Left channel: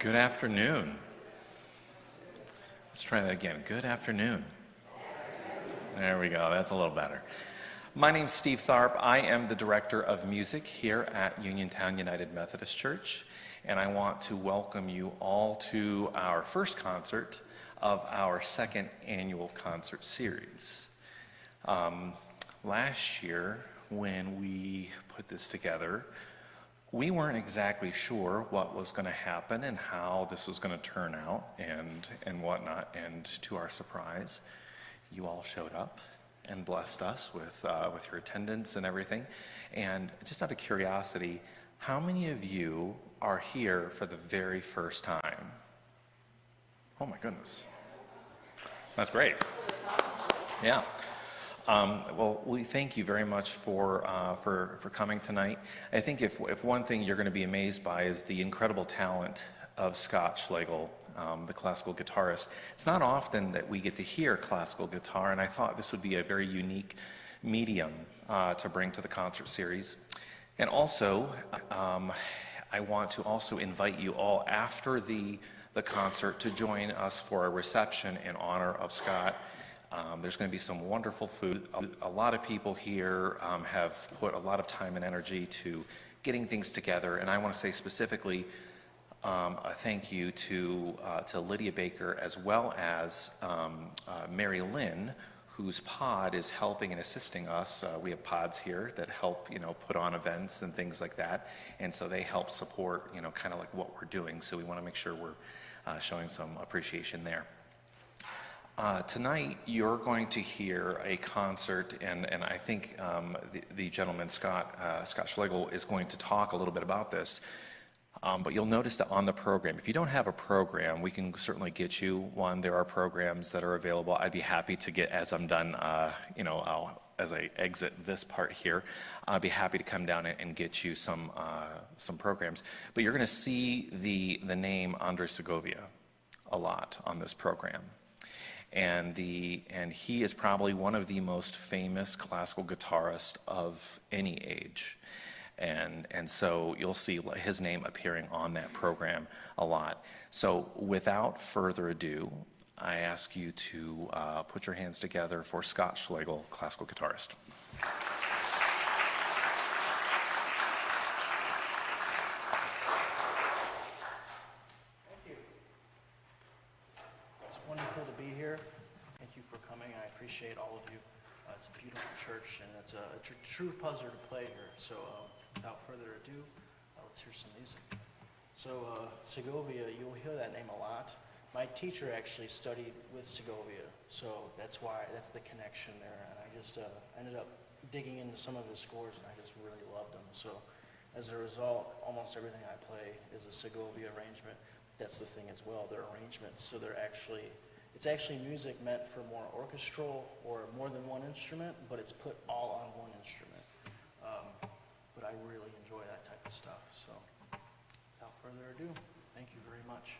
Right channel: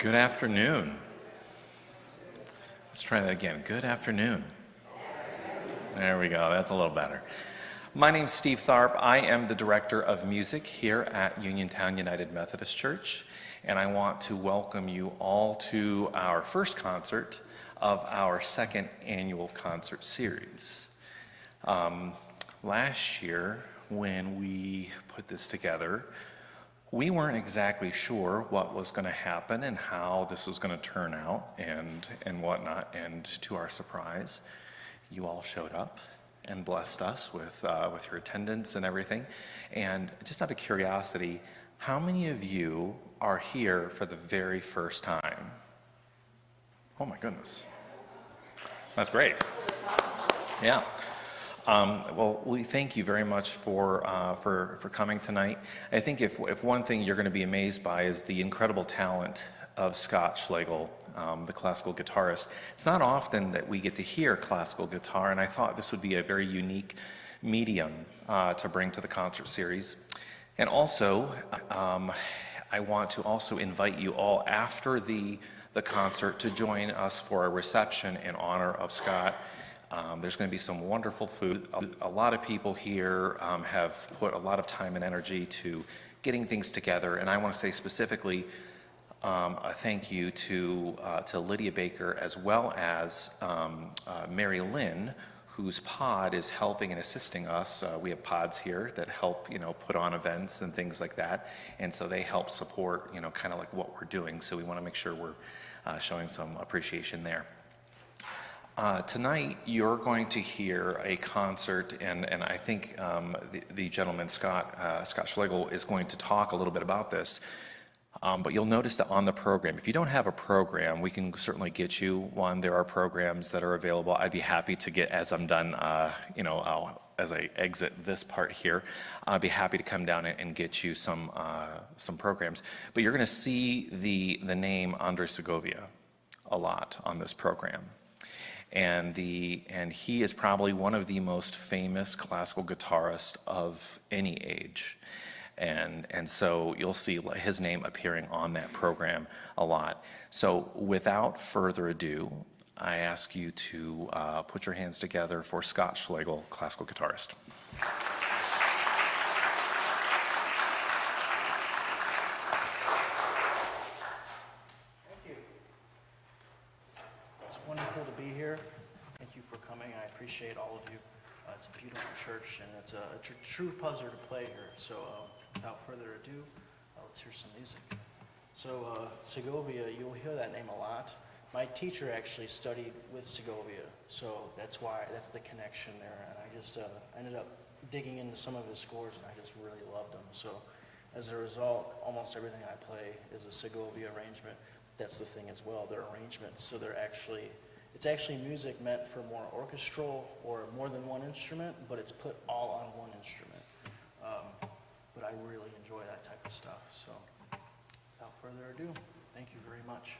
Good afternoon. Let's try that again. Good afternoon. There we go. That's a little better. My name's Steve Tharp. I am the Director of Music here at Uniontown United Methodist Church, and I want to welcome you all to our first concert of our second annual concert series. Last year, when we put this together, we weren't exactly sure what was going to happen and how this was going to turn out and whatnot. And to our surprise, you all showed up and blessed us with your attendance and everything. And just out of curiosity, how many of you are here for the very first time? Oh my goodness, that's great. Yeah. Well, we thank you very much for coming tonight. I think if one thing you're going to be amazed by is the incredible talent of Scott Schlegel, the classical guitarist. It's not often that we get to hear classical guitar, and I thought this would be a very unique medium to bring to the concert series. And also, I want to also invite you all after the concert to join us for a reception in honor of Scott. There's going to be some wonderful food. A lot of people here have put a lot of time and energy to getting things together, and I want to say specifically a thank you to Lydia Baker as well as Mary Lynn, whose pod is helping and assisting us. We have pods here that help, put on events and things like that, and so they help support, kind of like what we're doing. So we want to make sure we're showing some appreciation there. Tonight, you're going to hear a concert, and I think the gentleman, Scott Schlegel, is going to talk a little bit about this. But you'll notice that on the program, if you don't have a program, we can certainly get you one. There are programs that are available. I'd be happy to get, as I'm done, as I exit this part here, I'd be happy to come down and get you some programs. But you're going to see the name Andre Segovia a lot on this program. And he is probably one of the most famous classical guitarists of any age. And so you'll see his name appearing on that program a lot. So without further ado, I ask you to put your hands together for Scott Schlegel, classical guitarist. Appreciate all of you. It's a beautiful church, and it's a true pleasure to play here. So without further ado, let's hear some music. So Segovia, you'll hear that name a lot. My teacher actually studied with Segovia, so that's the connection there. And I just ended up digging into some of his scores, and I just really loved them. So as a result, almost everything I play is a Segovia arrangement. That's the thing as well. They're arrangements, so it's actually music meant for more orchestral or more than one instrument, but it's put all on one instrument. But I really enjoy that type of stuff. So without further ado, thank you very much.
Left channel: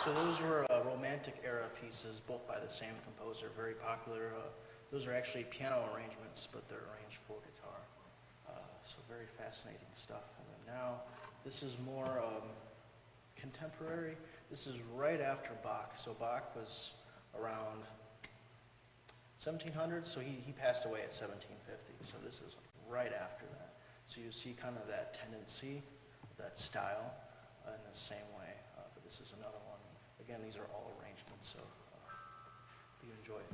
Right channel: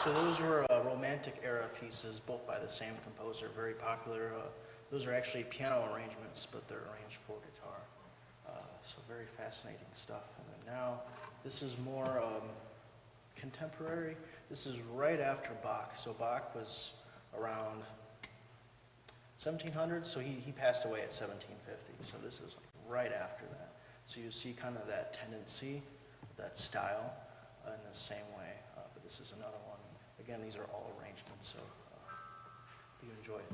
So those were Romantic era pieces, both by the same composer, very popular. Those are actually piano arrangements, but they're arranged for guitar. So very fascinating stuff. And then now, this is more contemporary. This is right after Bach. So Bach was around 1700, so he passed away at 1750. So this is right after that. So you see kind of that tendency, that style, in the same way. But this is another one. Again, these are all arrangements, so you enjoy it.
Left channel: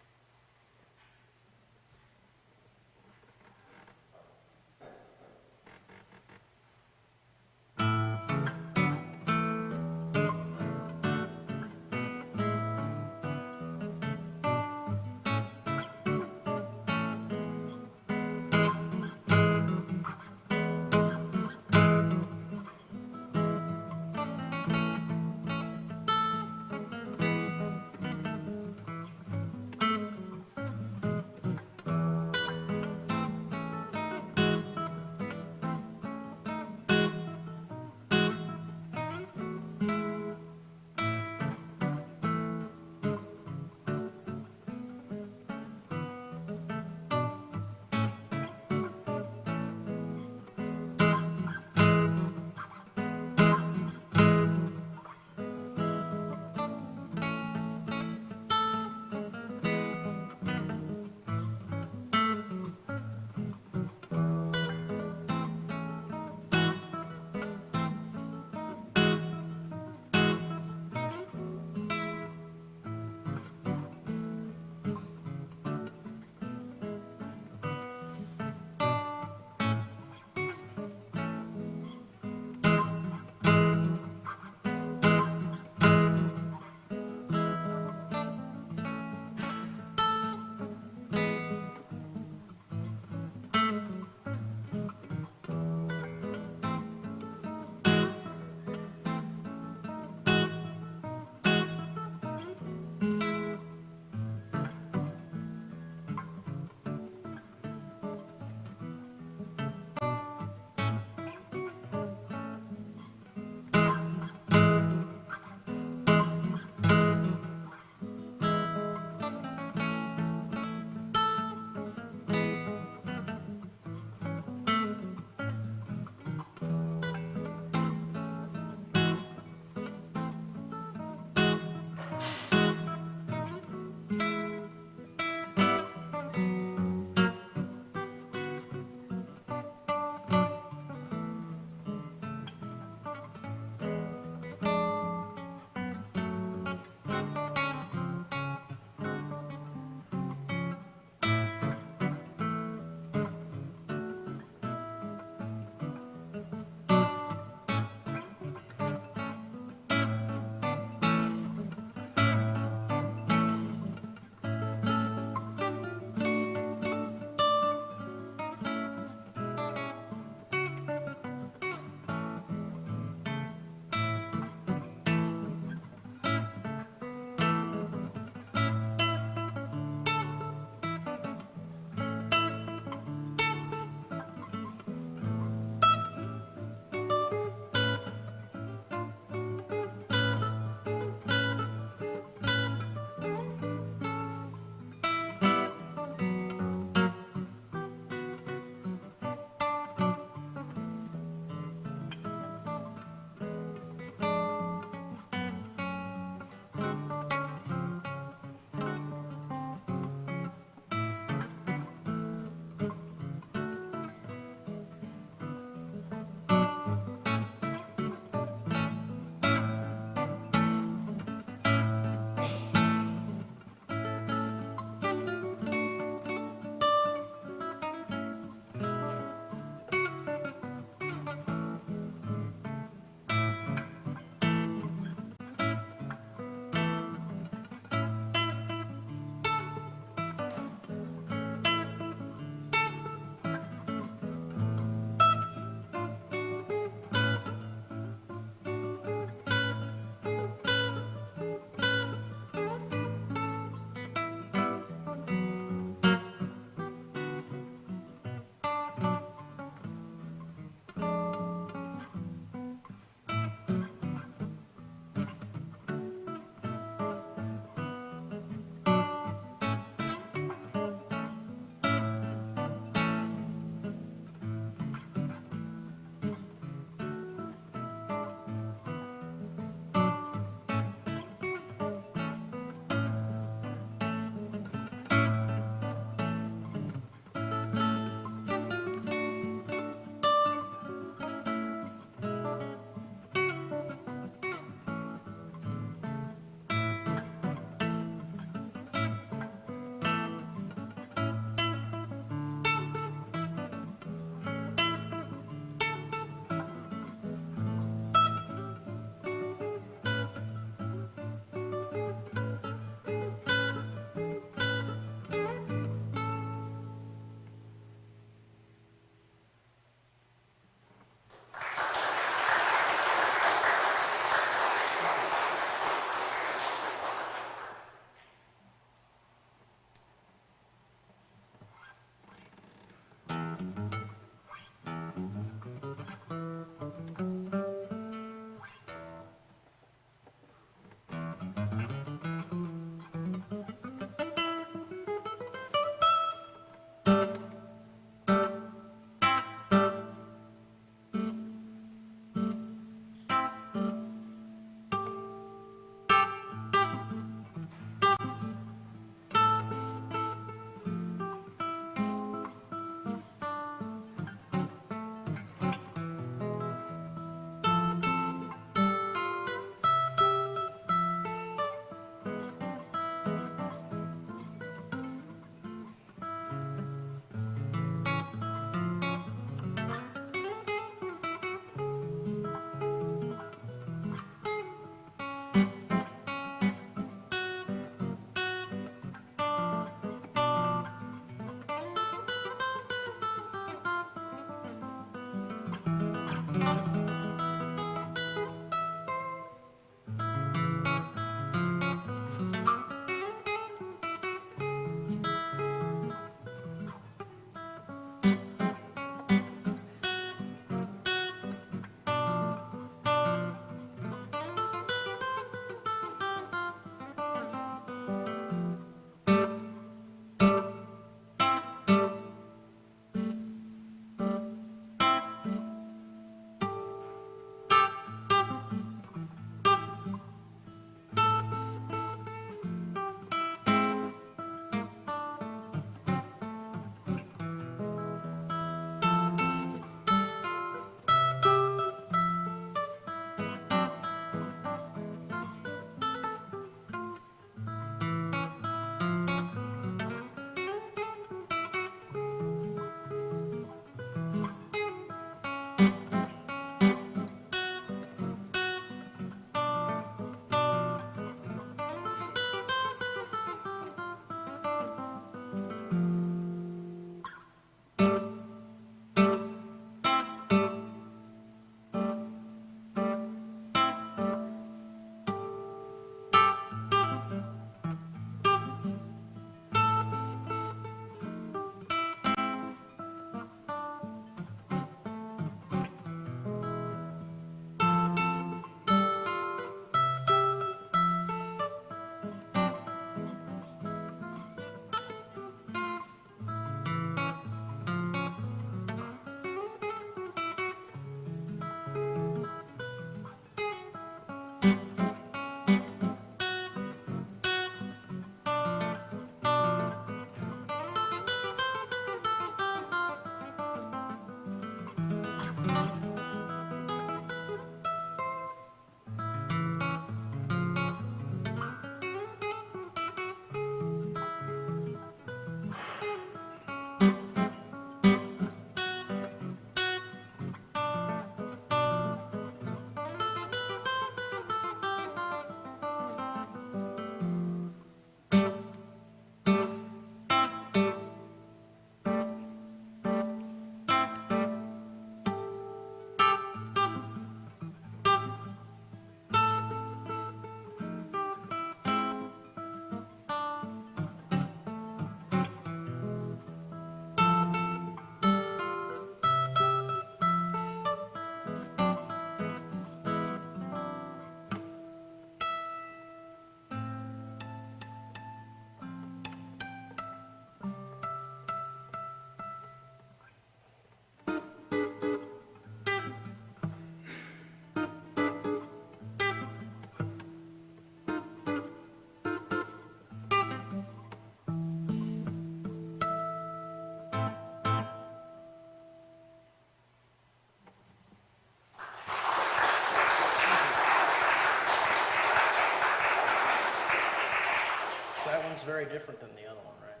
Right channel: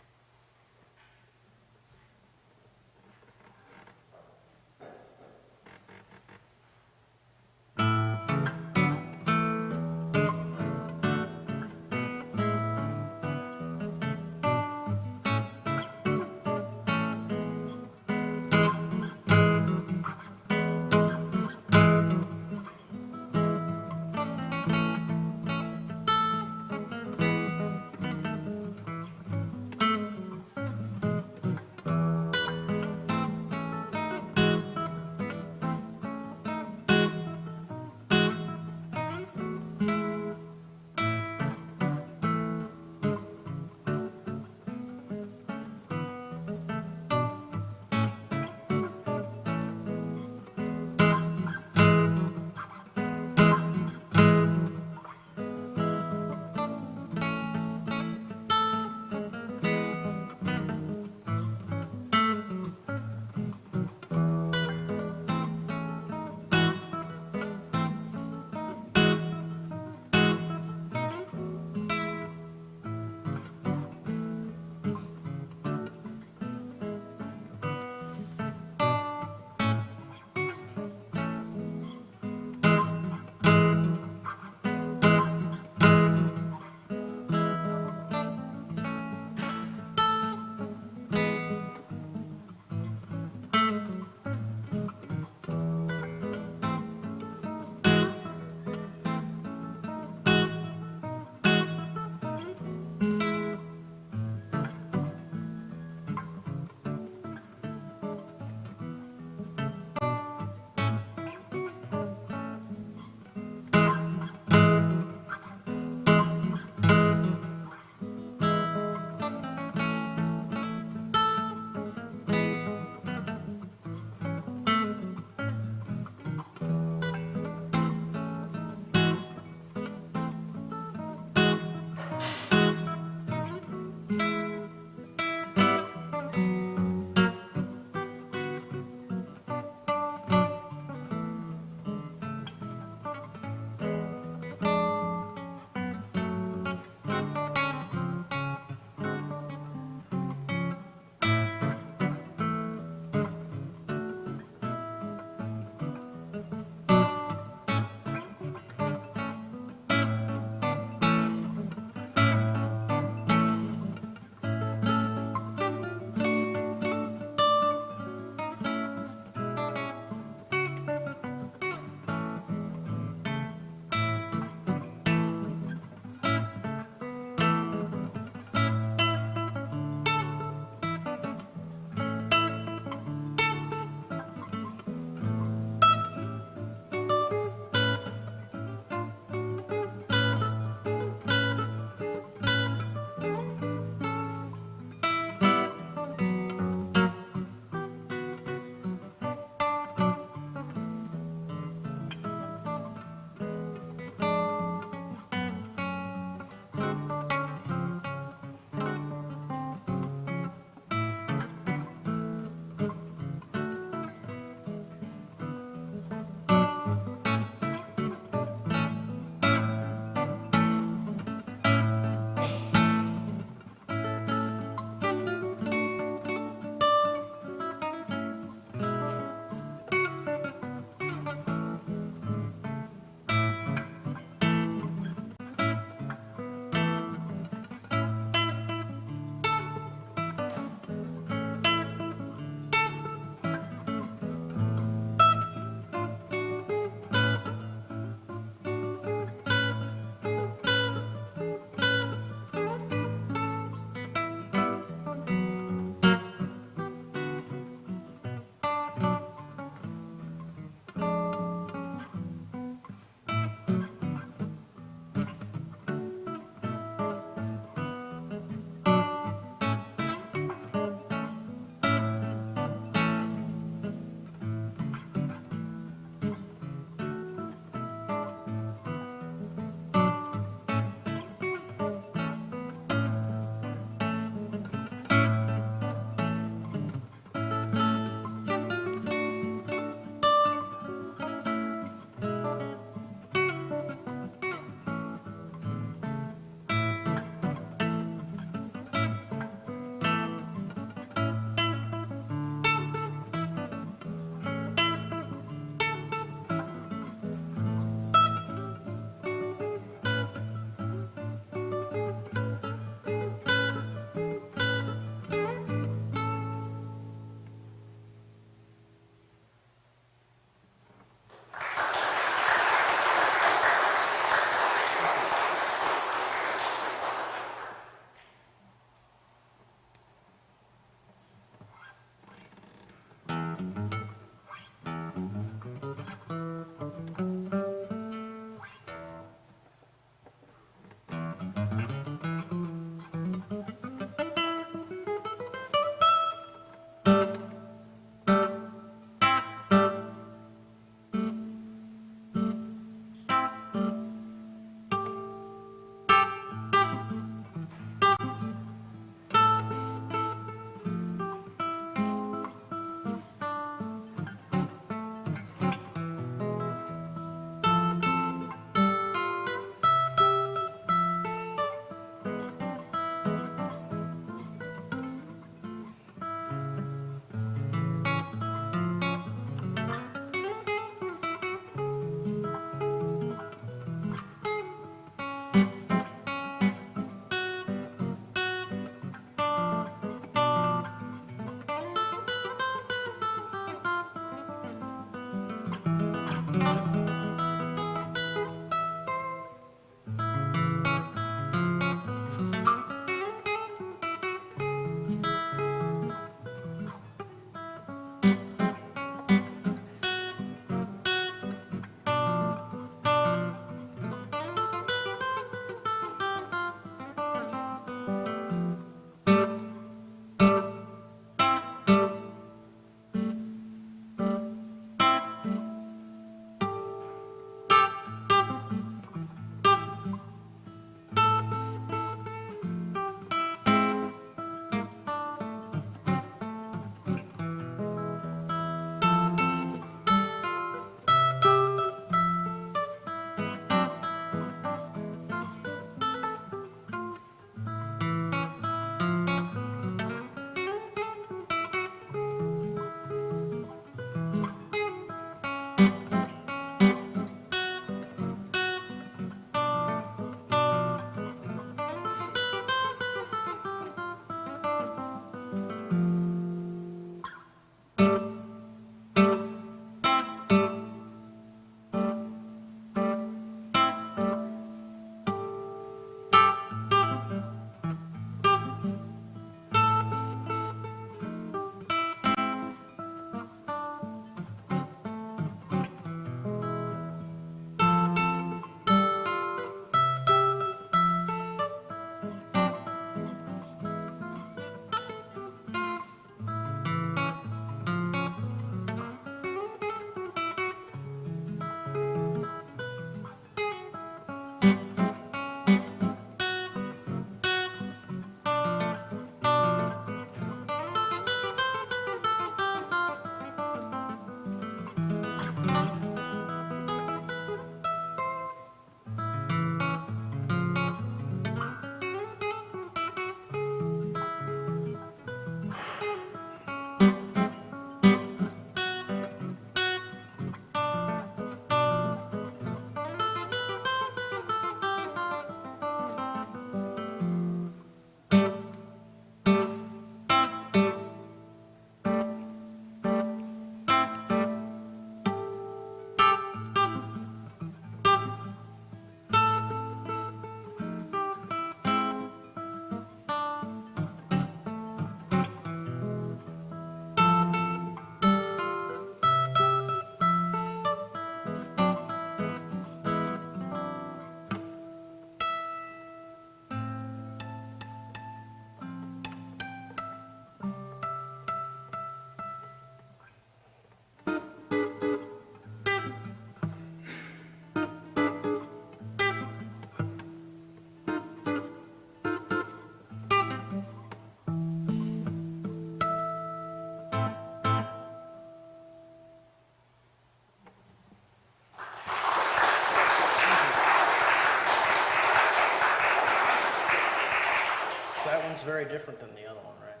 sounds very different than the other one, right?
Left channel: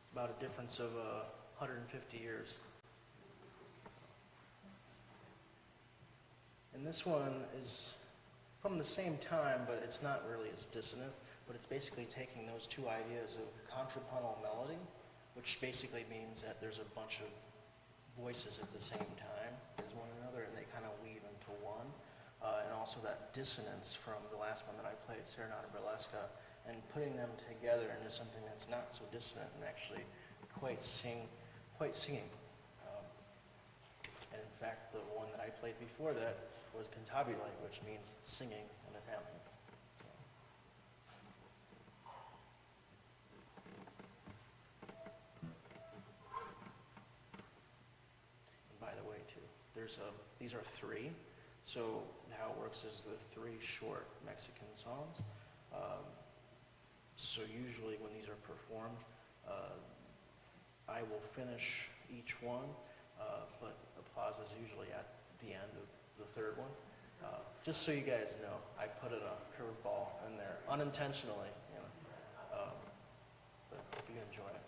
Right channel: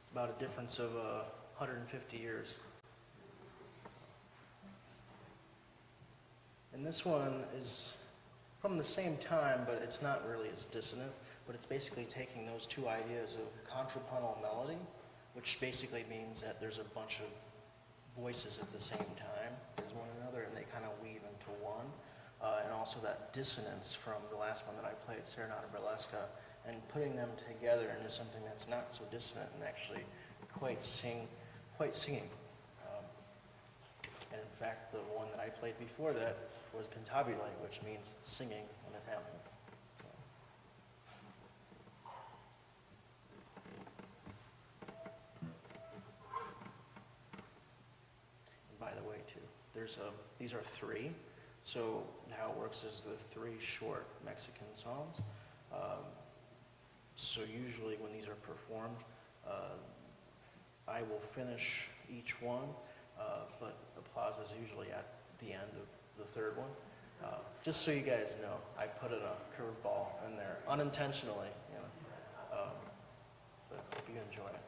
It's about a difference of 150 years. And this one is from the same time, but it's not really as dissonant, but it's basically taking those two ideas of contrapuntal melody, which basically means that there's a bunch of voices at the same time as one another, and they kind of weave into one. And also that dissonance from the last one that I played, Serenata Burlesca, and putting them together into something that's not so dissonant and actually quite singing. And in fact, the one that I played before that was Cantabile, which means singing in Italian. So. And by the way, too, these are three. So how it works is the three short Mexican songs. So usually when these are performed, I will finish each one, but applause is usually at the end of the third one. Just so you guys know, I put a curveball in there unintentionally, you know. But hope you enjoy it.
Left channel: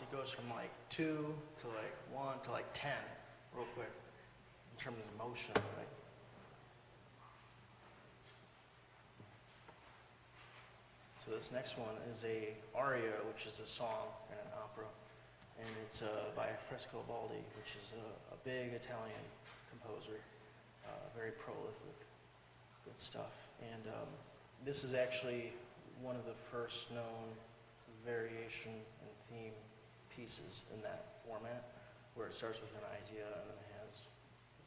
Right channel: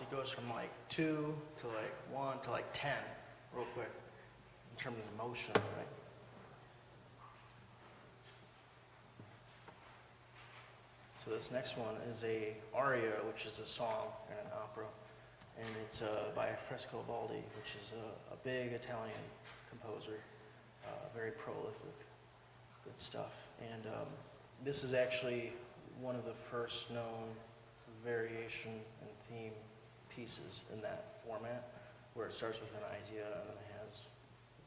songs, it goes from like 2 to like 1 to like 10 real quick in terms of motion, right? So this next one is a aria, which is a song in an opera, and it's by Baldi, which is a big Italian composer, very prolific, good stuff. And this is actually one of the first known variation and theme pieces in that format, where it starts with an idea and then has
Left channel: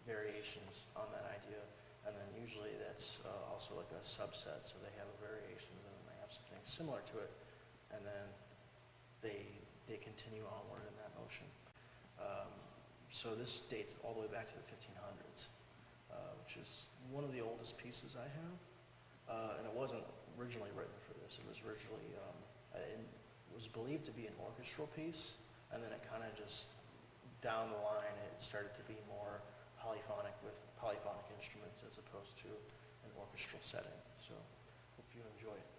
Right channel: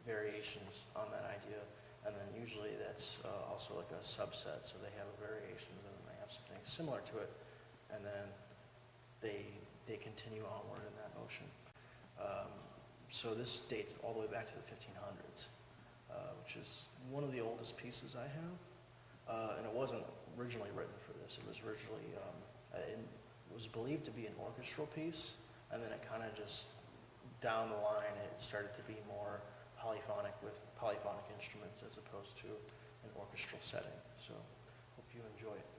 variations on that idea, and then usually that's also like a subset, so they have variations and then they have something similar to it, and then they continue onward in that motion. So this dates all the way back to the 1500s, which is one of the oldest pieces I have, and it wasn't originally written for this. It was originally, it was believed to be an orchestral piece, and then it kind of just, down the line, it started to be more polyphonic with polyphonic instruments as opposed to an orchestral setting. So hope you enjoy it.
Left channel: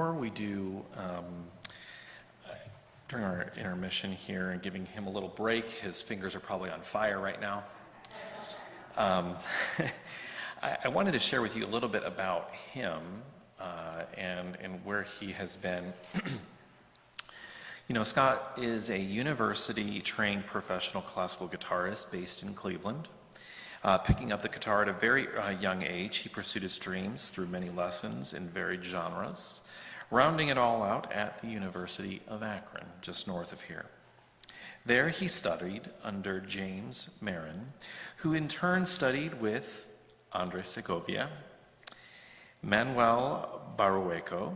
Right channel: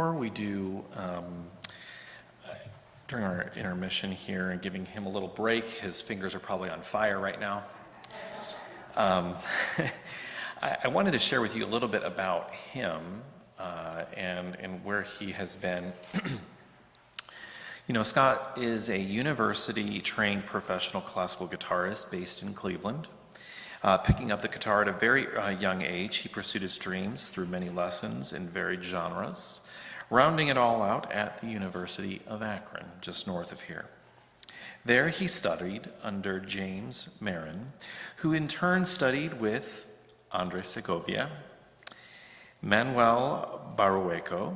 before we do, during our intermission here and giving him a little break, his fingers are probably on fire right now. I wanted to share with you a little bit about him and where he has been. You know, Scott is a university-trained professional classical guitarist based in Cleveland. Picking up the guitar at a very young age, he pursued his dreams through many lessons in varied genres, rounding it all out at the University of Akron, just north of here. There he studied under James Marin, who in turn studied with Andres Segovia, Manuel Barueco,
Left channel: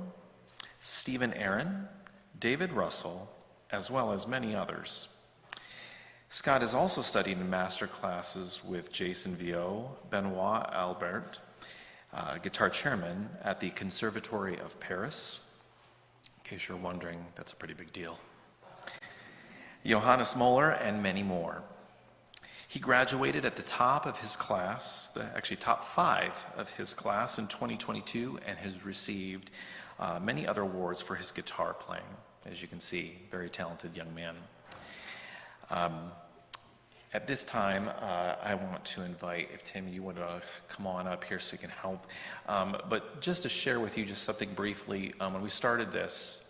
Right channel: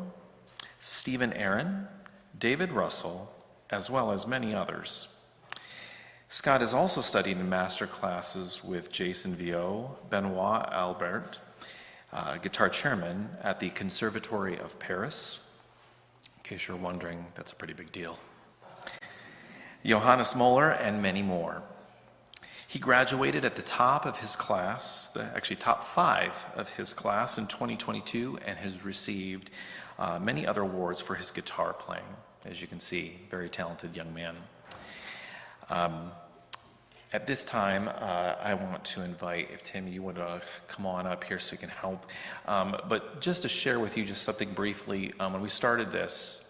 Stephen Aaron, David Russell, as well as many others. Scott has also studied in master classes with Jason Viau, Benoit Albert, guitar chairman at the Conservatory of Paris. In case you're wondering, that's a pretty big deal. Johannes Moeller, and many more. He graduated at the top of his class, actually top 5 of his class in 2022, and has received many other awards for his guitar playing. As you can see, very talented young man. At this time, I want to invite, if Tim, you would come on up here so you can help. But just to share with you just something briefly, when we started this,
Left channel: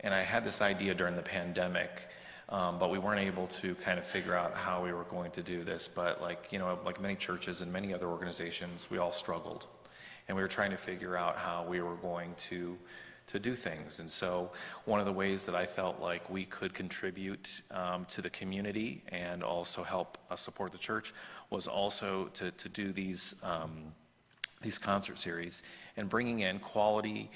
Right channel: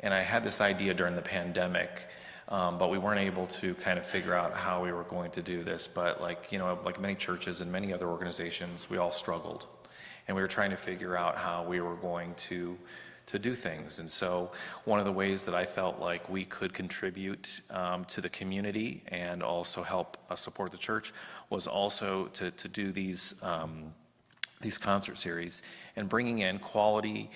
and I had this idea during the pandemic, but we weren't able to kind of figure out how we were going to do this. But like many churches and many other organizations, we all struggled. And we were trying to figure out how we were going to do things. And so one of the ways that I felt like we could contribute to the community and also help support the church was also to do these concert series and bringing in quality,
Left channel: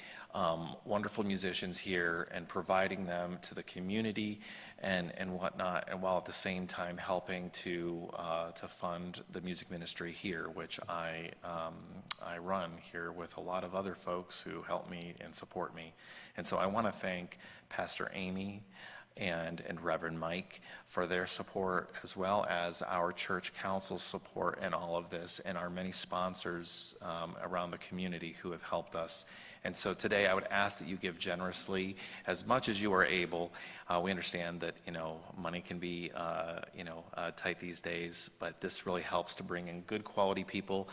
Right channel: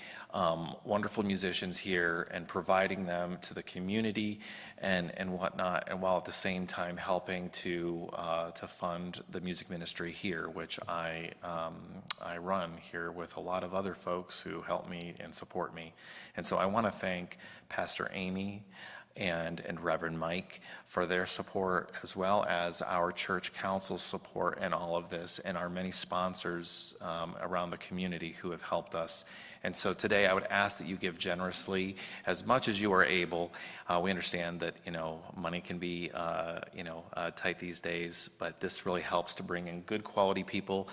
wonderful musicians here and providing them to the community and whatnot, and while at the same time helping to fund the music ministry here, which I run here with a lot of other folks who help me and support me. And so I want to thank Pastor Amy and Reverend Mike for their support, as well as our church council's support in all of this, and our many sponsors around the community who have helped us. And so today I would ask that you give generously as much as you are able. We understand that, money can be, tight these days, but this really helps to bring in good quality people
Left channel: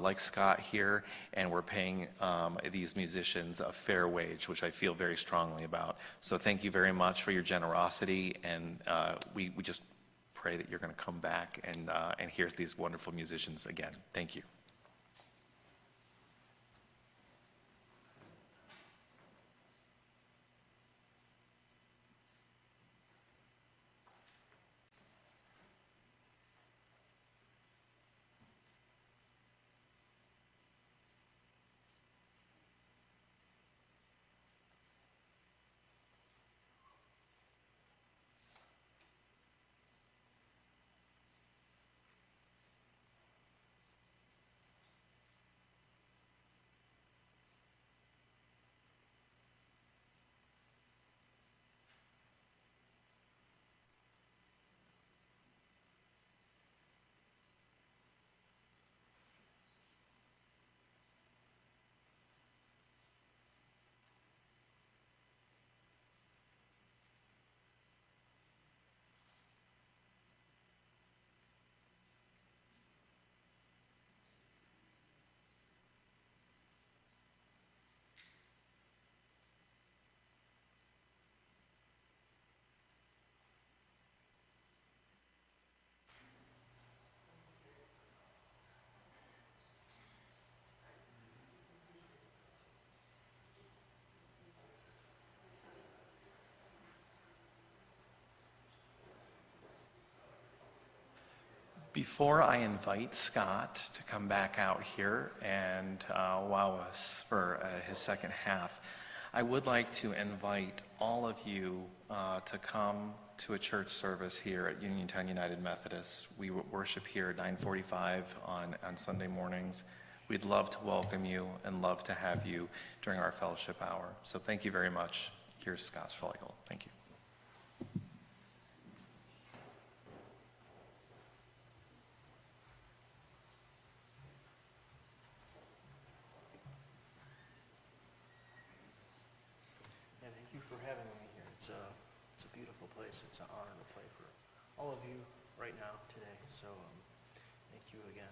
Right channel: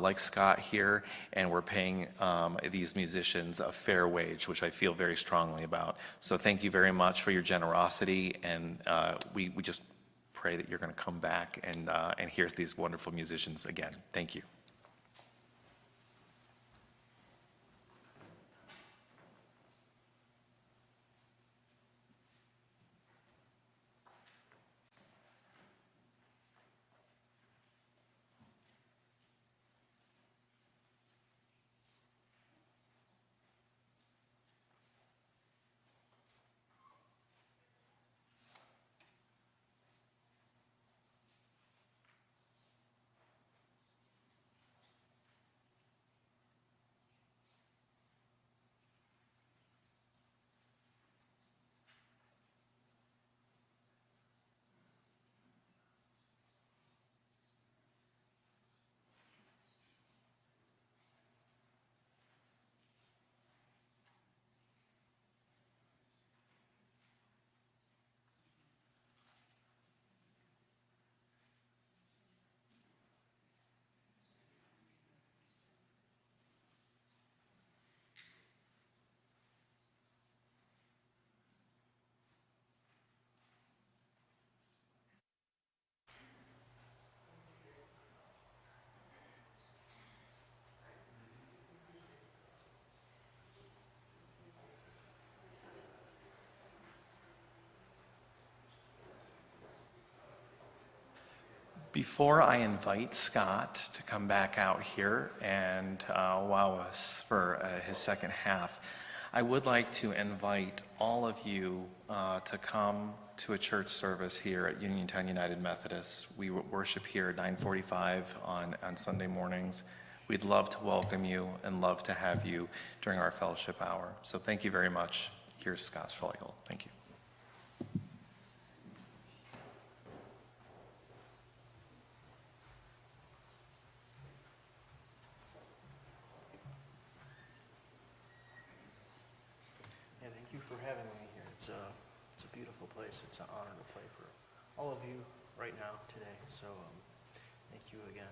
like Scott here, and we're paying these musicians a fair wage, which I feel very strongly about. So thank you very much for your generosity, and we just pray that you're going to come back and hear these wonderful musicians again. Thank you. Before I invite Scott to come back out here and wow us for his second half, I would like to invite all of you to come to a church service here at Uniontown United Methodist. We worship here at 9:45 on Sunday mornings. We'd love to welcome you and love to have you during our fellowship hour. So thank you very much. Here's Scott Schlegel. Thank you. it's a beautiful place. It's an honor to play for all of you right now today. So thank you again.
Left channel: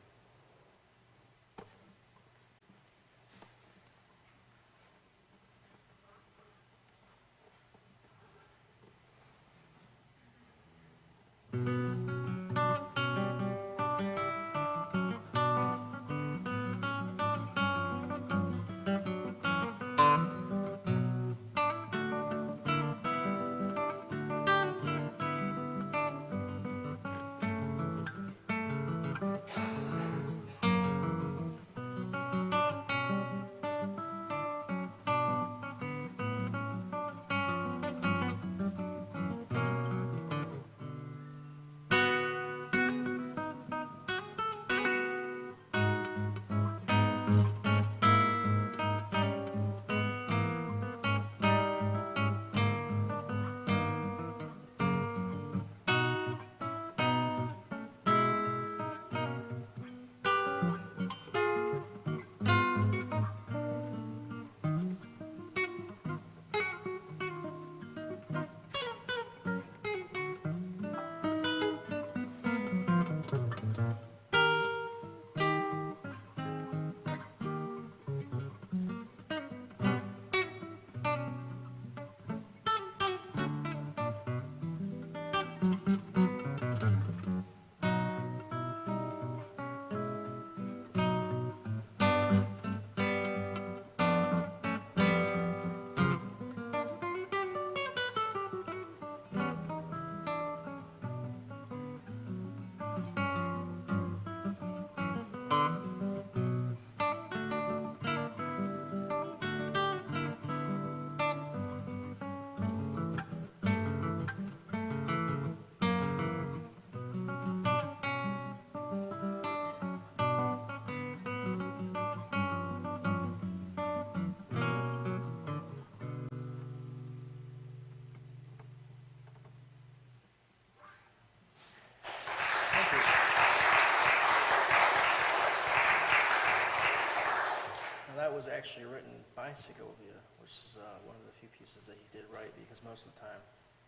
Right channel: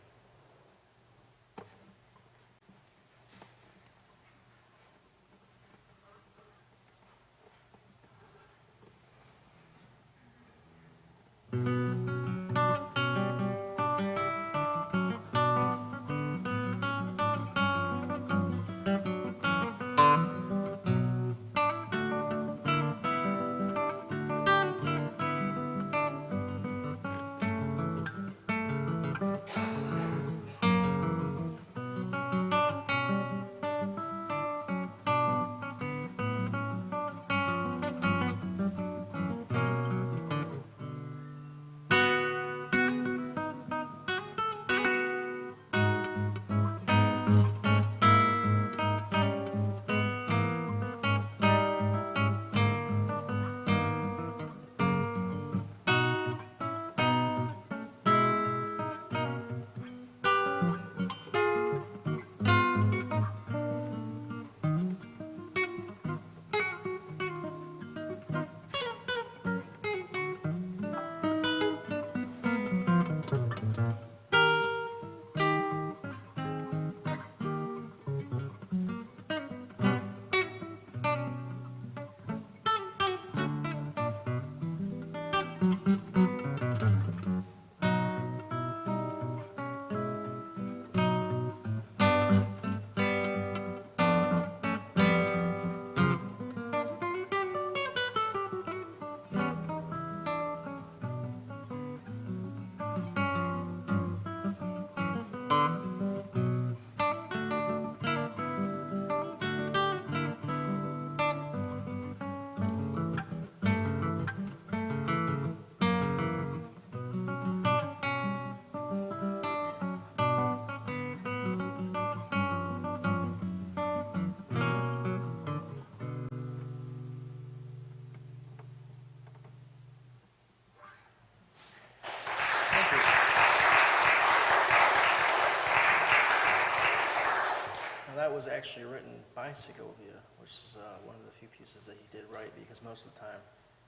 That was actually written by Segovia, which is one of the few pieces that he did write, because most of the time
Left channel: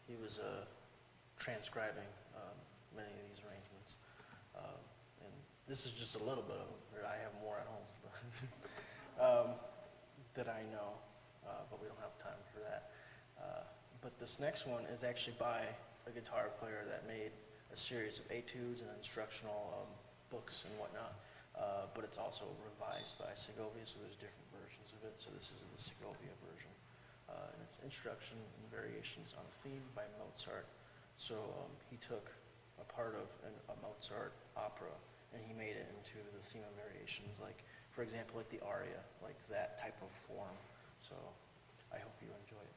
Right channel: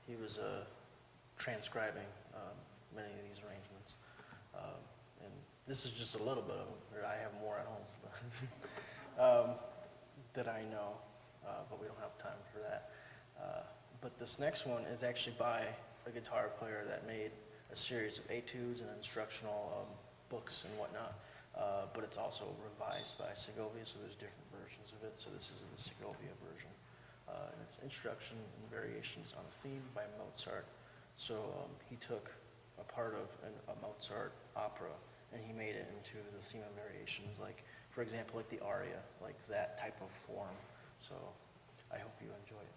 he was transcribing many of these arrangements. And this is just a little bit of them. I have more at home that I know, but we don't have time for that. But this next one is actually by a guitar player that made a series of etudes and instructional books and whatnot. But it's also revised by Segovia, so there's different versions of it. So this is the Segovia version. And it's Introduction and Variations on Theme by Mozart. So he took a part of a Mozart opera and he made it into the theme and variations, like, for example, like the aria, like that type of form. So I hope you enjoy it.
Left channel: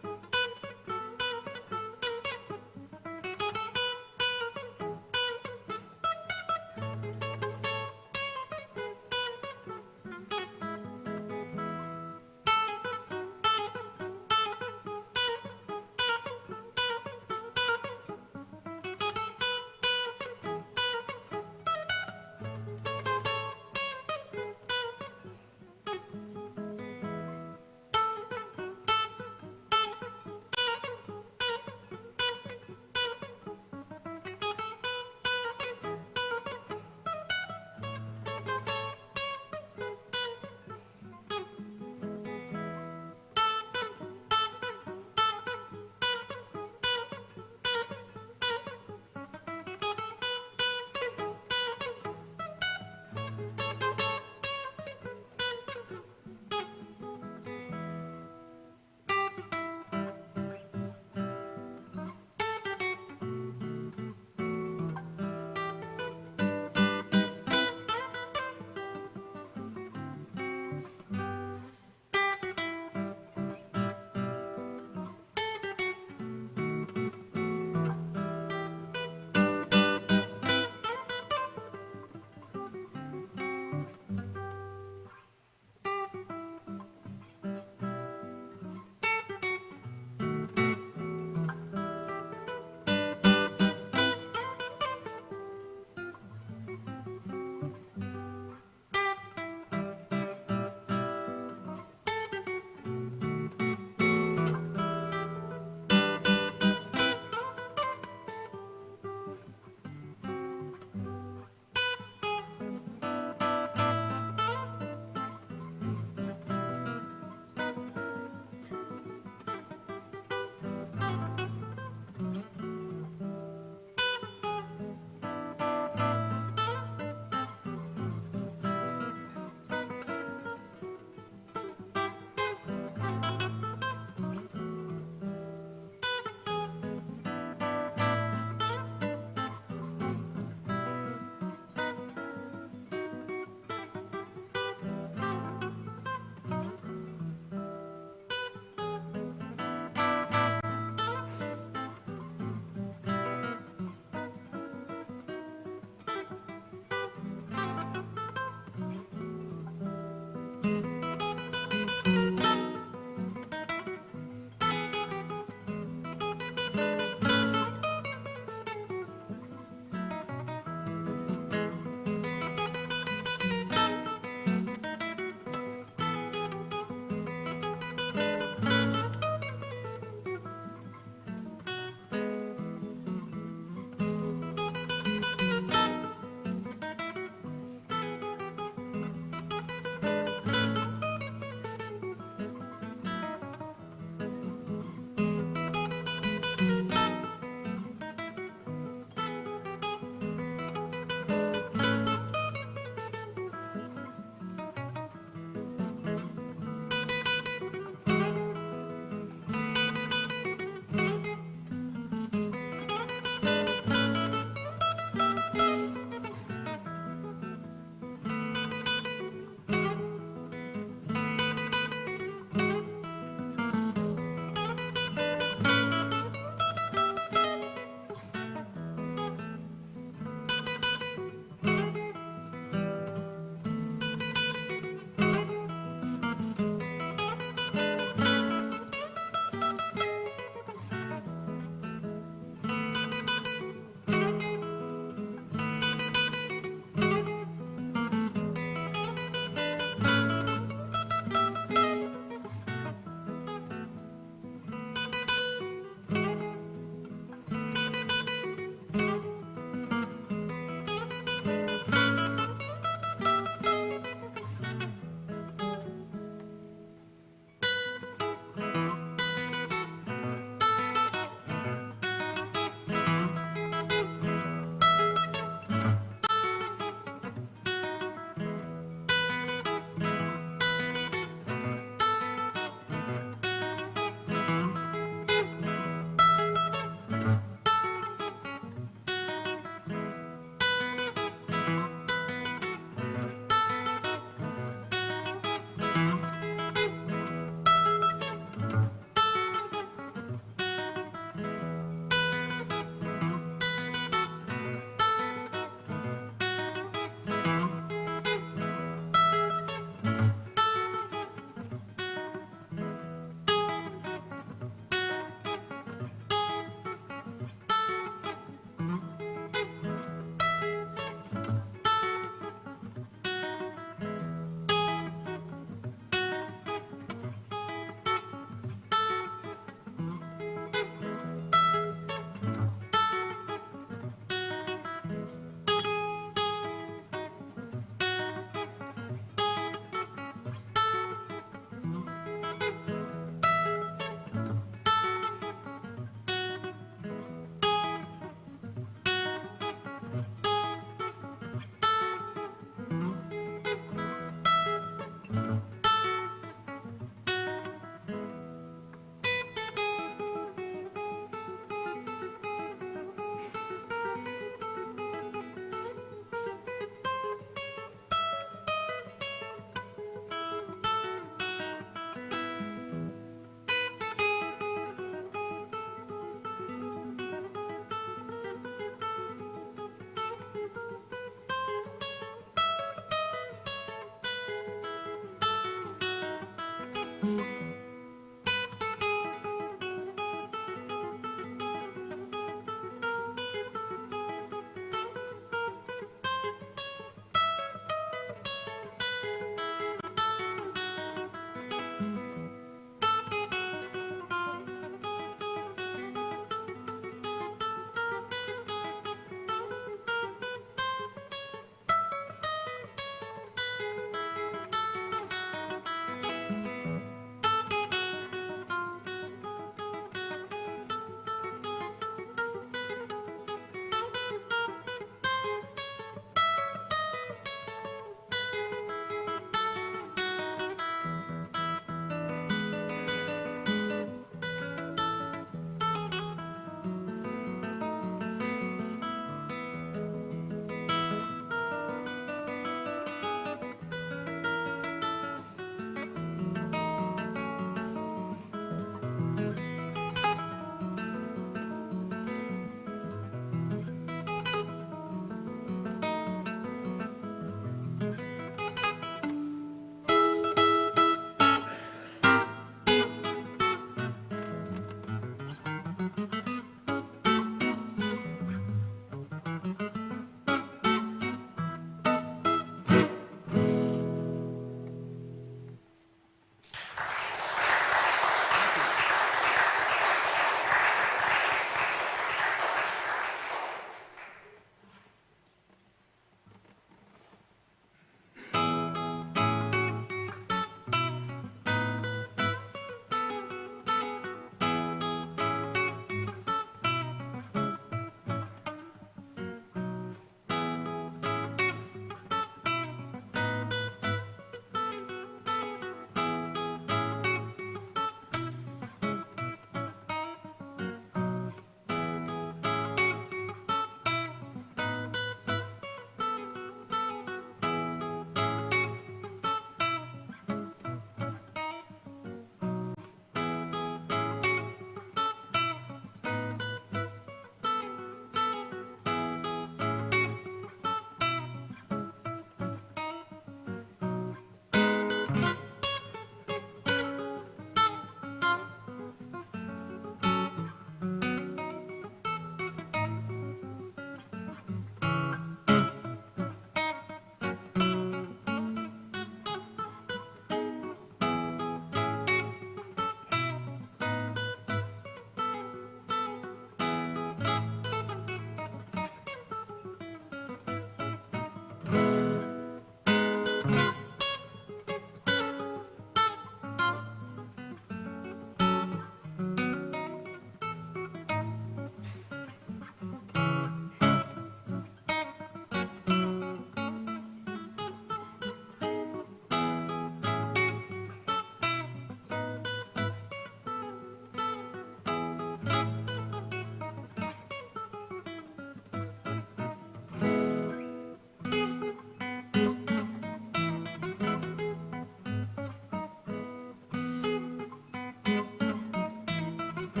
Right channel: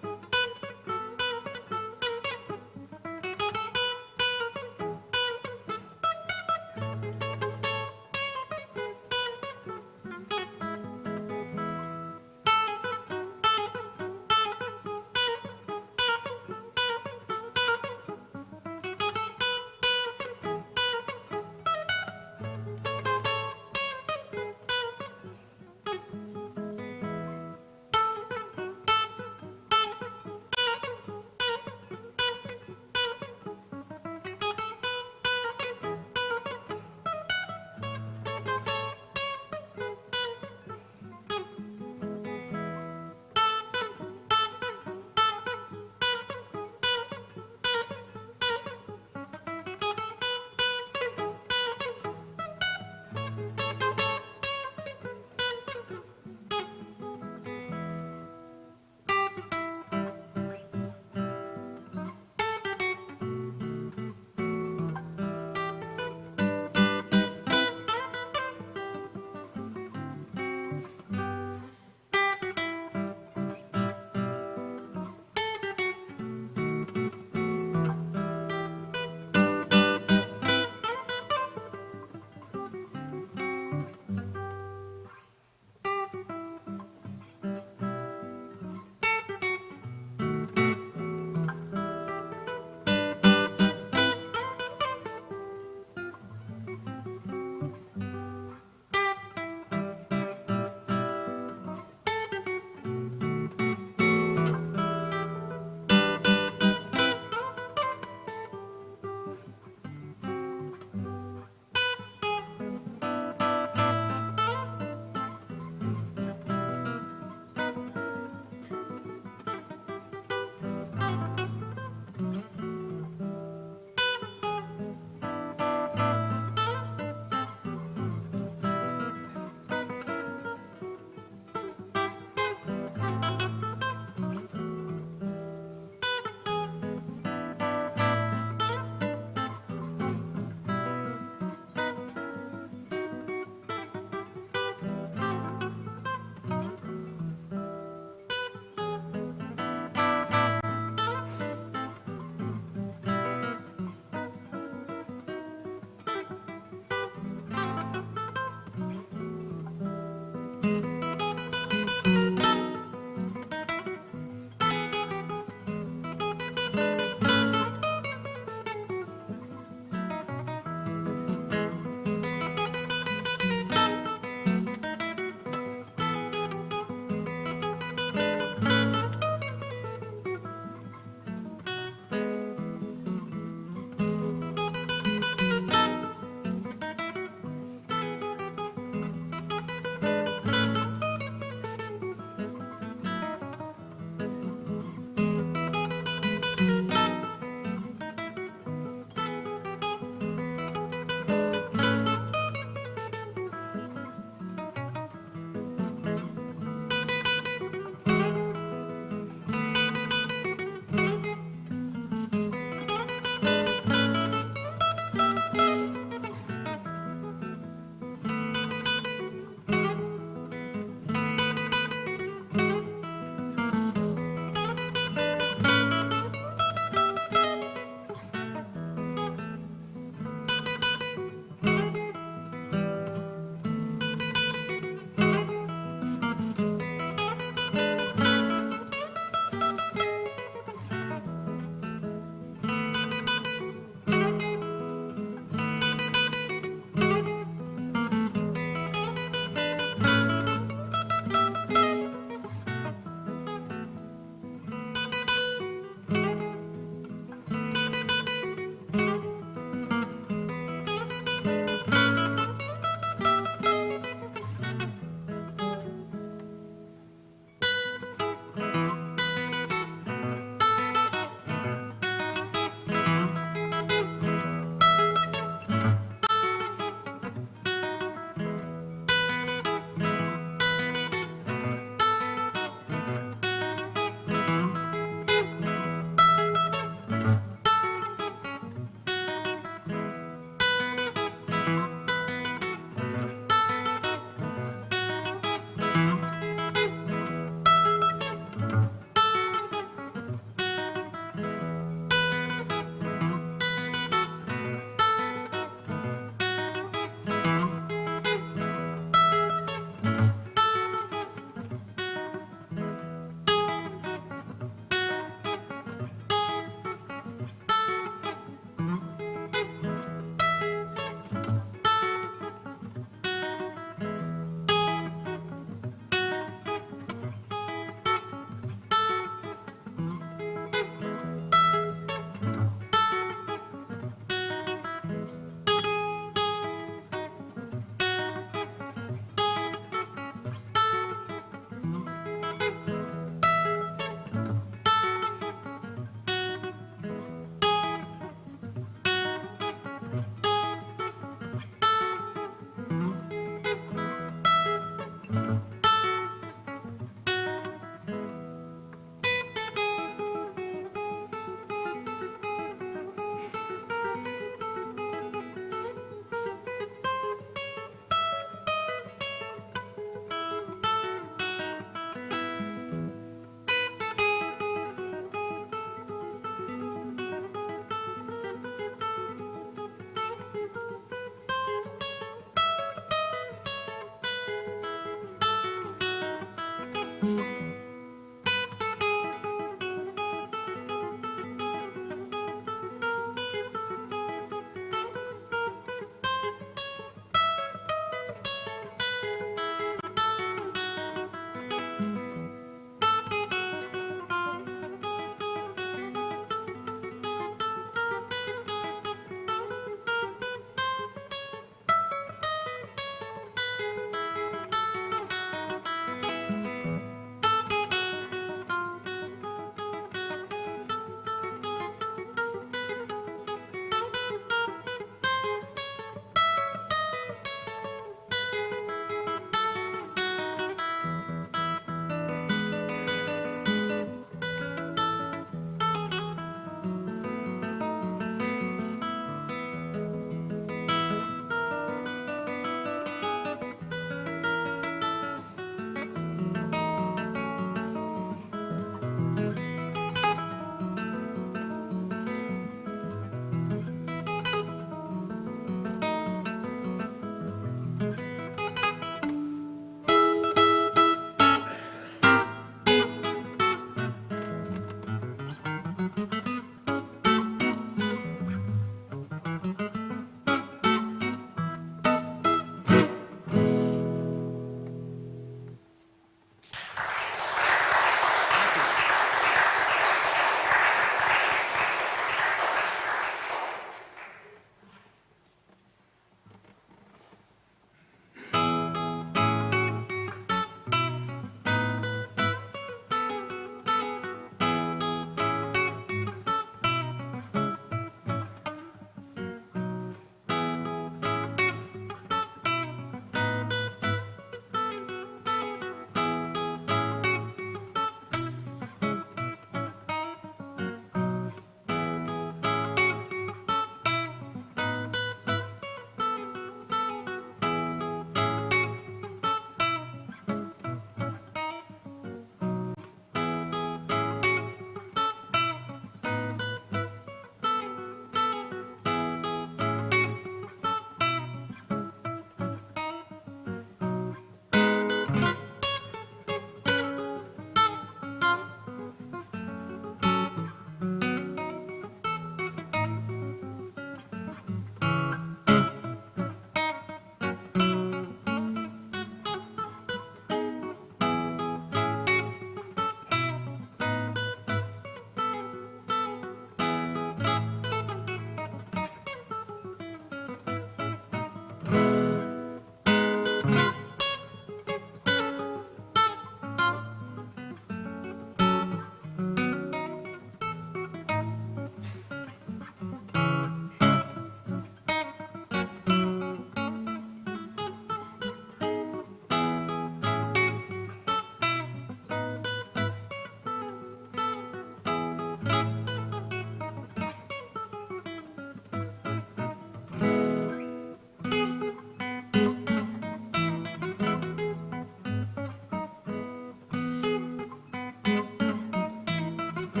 I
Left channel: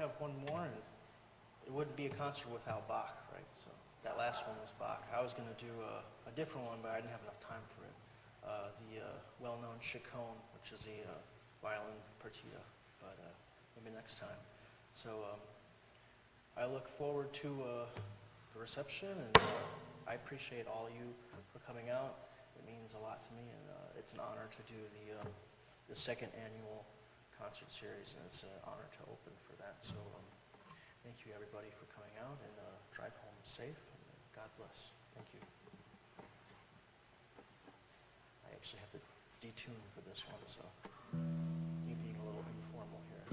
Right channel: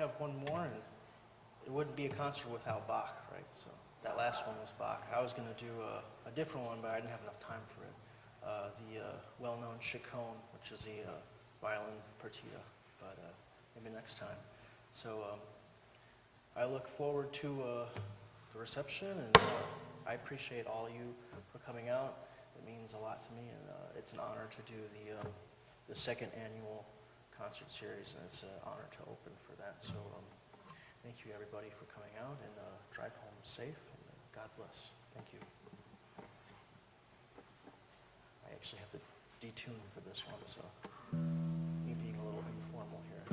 have one more, and it wouldn't be a concert without Bach, right? So that last one was Bach. I was going to do a different one, but I didn't have enough time for it. The well-known Schlegel, which is a violin partita, but maybe next time. So I look forward to the reception, and I appreciate all you for coming out. It means a lot to me, and it's an honor to do the second annual concert series, and it's an honor to open for that. So thank you everybody for coming out, and drive home safe, and God bless. Thank you. I actually have to detune for this one, so me being a little informal here.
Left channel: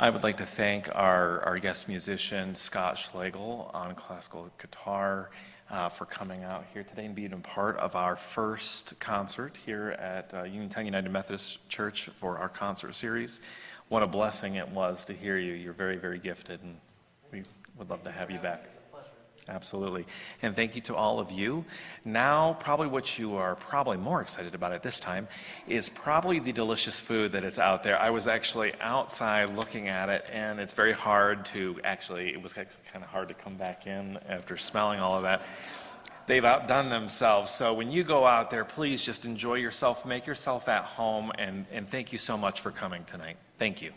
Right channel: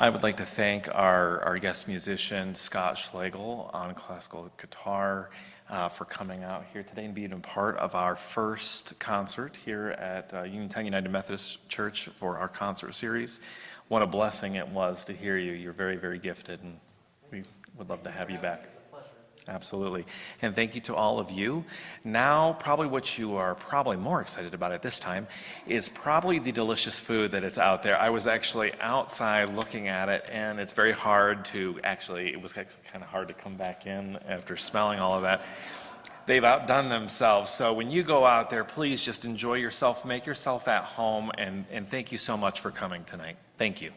I would like to thank our guest musician, Scott Schlegel, on classical guitar, for coming out here today and being a part of our first concert here at Uniontown United Methodist Church for our concert series. What a blessing it was to hear you. You're very, very gifted, and we would love to have you back. Absolutely. And thank you to all of you. Now, probably what you are probably more excited about at this time is probably the delicious food that is out there. I was actually outside looking at it, and it's very hard to it was kind of hard to come back in after smelling all of that. They've outdone themselves. So when you go out there, please just enjoy yourself, make yourself at home, and thank you so much for coming tonight. Thank you.